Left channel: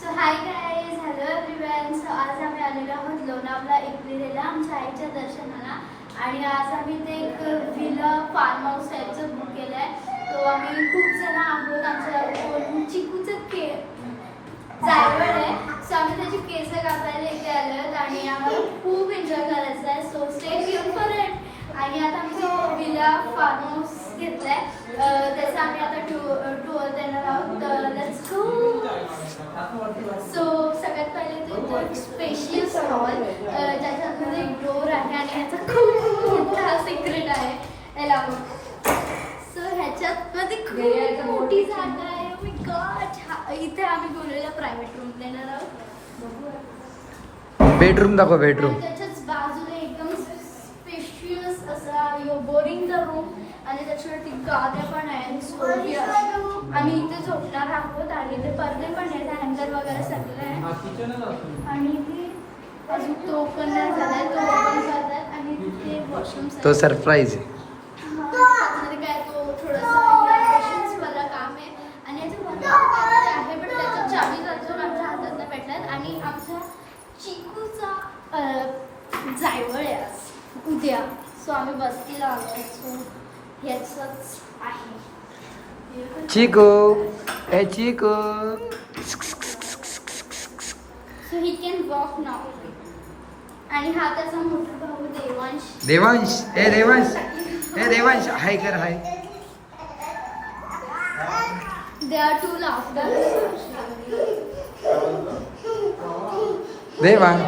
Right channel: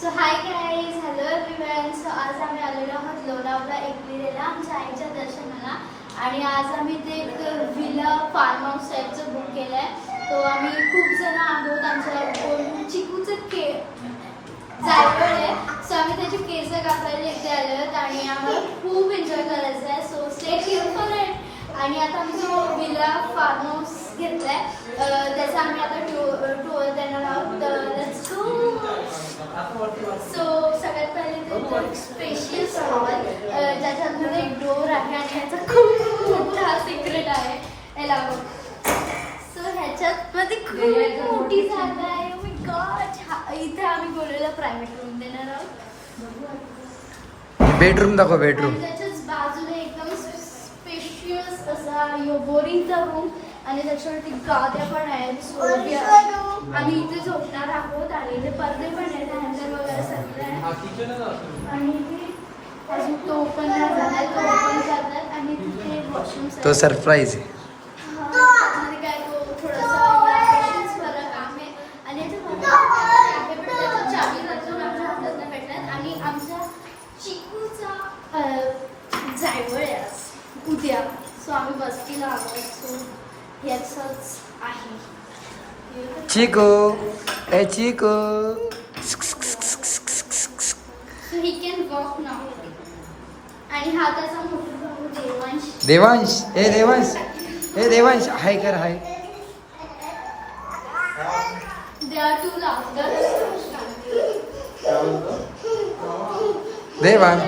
So hi guys, hello everyone. So आज आम्ही आलेलो आहोत लोणावळा एकविरेला आमच्या आईच्या दर्शनाला. आणि आज आम्ही ते एक व्हिला फार्म हाऊस टाईपचं बुक केलं आहे. तो आम्ही खूप जण आहोत. आमच्या चिकूचं जायवळ आहे. सो आम्ही त्याची केस कापायला इथे आलो आहोत आणि आम्हाला खूप एन्जॉय करायचं आहे. So stay tune for it. आणि आता आम्ही जो व्हिला फार्म हाऊस घेतला आहे त्याचा आम्ही आता टूर देणार आहोत. Let's go. सो सगळ्यात पहिले ते स्पेशियस हॉल ज्याच्यामध्ये एक डोर आहे आणि ह्याचा खूप मोठा सिक्रेट आहे. याला सो ह्याच्यात मध्ये खूप मोठी जागा आहे. Oh my God. इथे आम्ही बोललेला प्रायव्हेट रूम देणार आहोत. बेडरूम दाखव. बेडरूम त्याच्याच बाजूला एकदम स्पेशियस असा बोरिंगचा रूम आणि त्याच्यावरती गाद्या पण आहेत. आम्ही इथे झोपणार आहोत आणि इथे पडदे पण आहेत. हँगर वगैरे सगळं आहे. आणि इथे अजून तो ओपन नाही झालाय. तो ओपन करतात आणि तिथे वॉशरूम तो सरप्राईज आहे. त्याच्यामध्ये काय तो थोडासा पेशन्सवाला काम आहे. आणि याच्या आहे पण त्याच्या चावी अजून आमच्या हातात नाही भेटतात. आणि आमच्या चिकूचा जायवळ आहे आज उद्या. सो आम्ही बसतीला आलो. सो ह्याचंच आहे. चिकू ए चिकू. सो ही कॅन वॉक नाव. आणि हा त्याचा मोठा भाऊ देवांश. देवांश. ए देवांश. ए देवांश. हाय कर. हाय. There are two laughters. Devansh.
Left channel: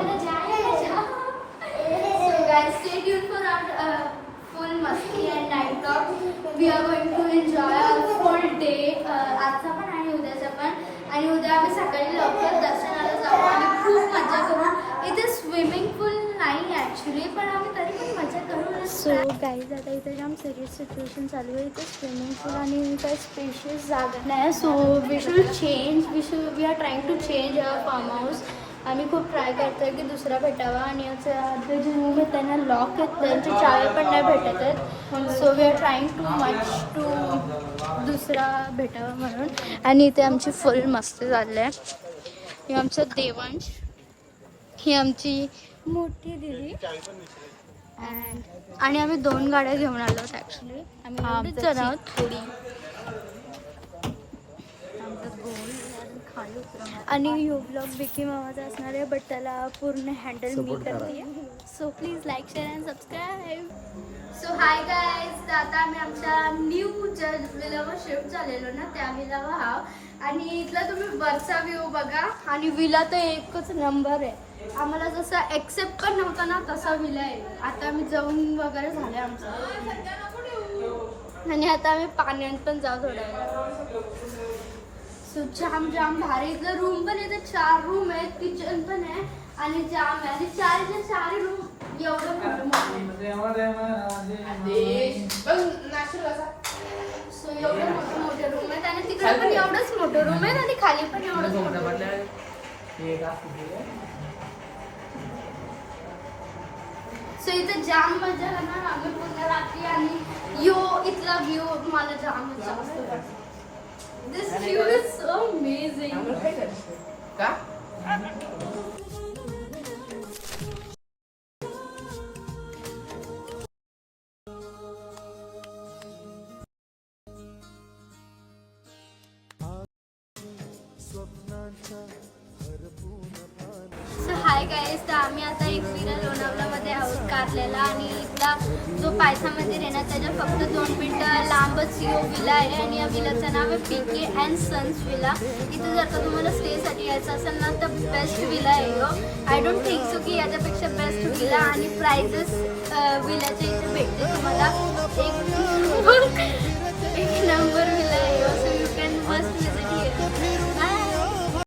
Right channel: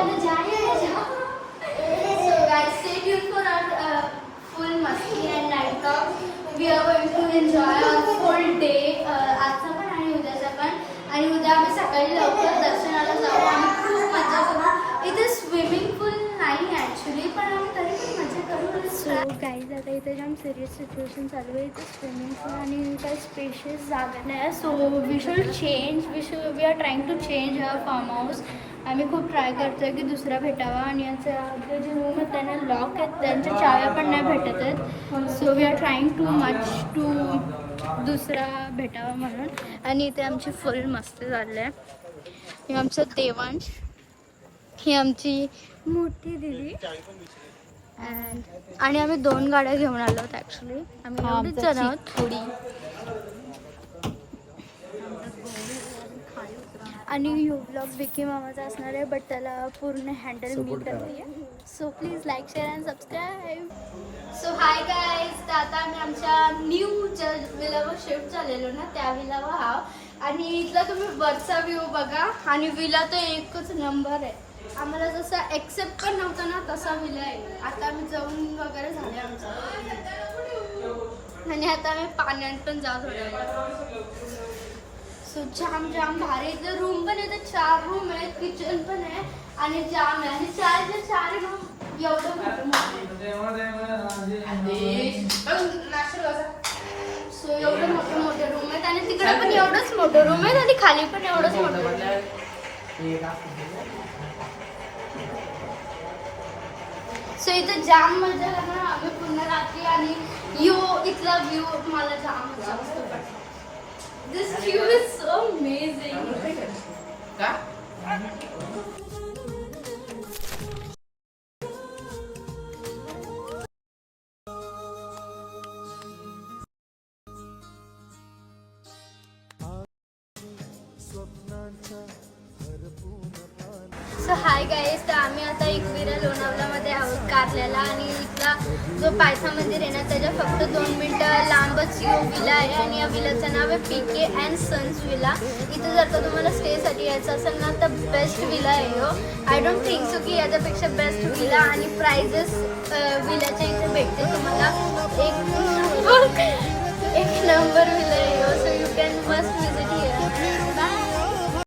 So guys, stay tuned for our full masti and night talk. We are going to enjoy our full day. आजचा पण आणि उद्याचा पण. आणि उद्या आम्ही सकाळी लवकर दर्शनाला जाऊ आणि खूप मजा करू. इथे स्विमिंग पूल नाही ॲक्च्युली, पण आम्ही तरी पण मजा करू. सो गाईज, आता इथे जाम सिरियस सिच्युएशन चालू आहे. इथे स्विमिंग पूल आणि काही स्पेशियस जागा नाही. So we should change. We are trying to change our farm house. आम्ही खूप ट्राय करतो आहे की दुसरा भेटावा. आणि याचं जे रूम आहेत त्यांना लॉक आहेत, त्यांच्या चाव्या पण नाही भेटत आहेत. So we are trying too much to दुसरा भेटावा म्हणून. आणि इथे आमची फुल मस्त झालं आहे. हे आमचं देवांश, ही आमची मोठी दिदी. आणि आम्ही 2 गाड्या घेऊन आलो आहोत ॲक्च्युली. आम्ही एवढीच जण आहोत. आणि यो ब्लॉग विकी मामाचा असणार आहे, बट त्याला पूर्ण हँडल मी करते. So please like, share and subscribe. So hi guys, तर आता आम्ही आमच्या न्यू ज्या विलावर शिफ्ट झालेलो ना त्या विलावर हा. आणि इथला तुम्ही वरचा व्ह्यू बघा. आणि विला तर एकच नंबर आहे. आम्हाला जसं एक्सेप्ट पण नव्हतं ना तसा विला आहे. आता आम्ही जाऊन वगैरे झाले आमचं. आणि आता आम्ही पाण्यात पण जाऊ थोड्या. सो जाम भारी. इथलं रूम पण आहे. 4 रूम आहेत, किचन पण आहे आणि जाम आहे. आणि 4 रूम एवढं सो एवढे मोठे रूम आहेत. आणि तिकडे पण एवढंच मोठं रूम आहे आणि खाली पण एवढंच मोठं. सो इथं जाम मजा ना. आम्ही पुन्हा रात्री आणि इथला व्ह्यू मला जामच जास्त वाटतो. This view is so amazing. So hi guys, तर आम्ही आता एकविरा लोणावळामध्ये आहोत कारल्याला. आणि इथला जो पायथा मंदिर आहे ना त्याच्या फक्त 2 मिनटं लांबच यो विला आहे. आणि या विलाचं नाव आहे PK अँड सन्स विला. इथे जर का तुम्हाला स्टेसाठी यायचं असेल ना तर बेस्ट विला आहे यो. आय डोंट थिंक सो की याच्यापेक्षा बेस्ट विला. आणि प्राइजेस विलाच्या इथे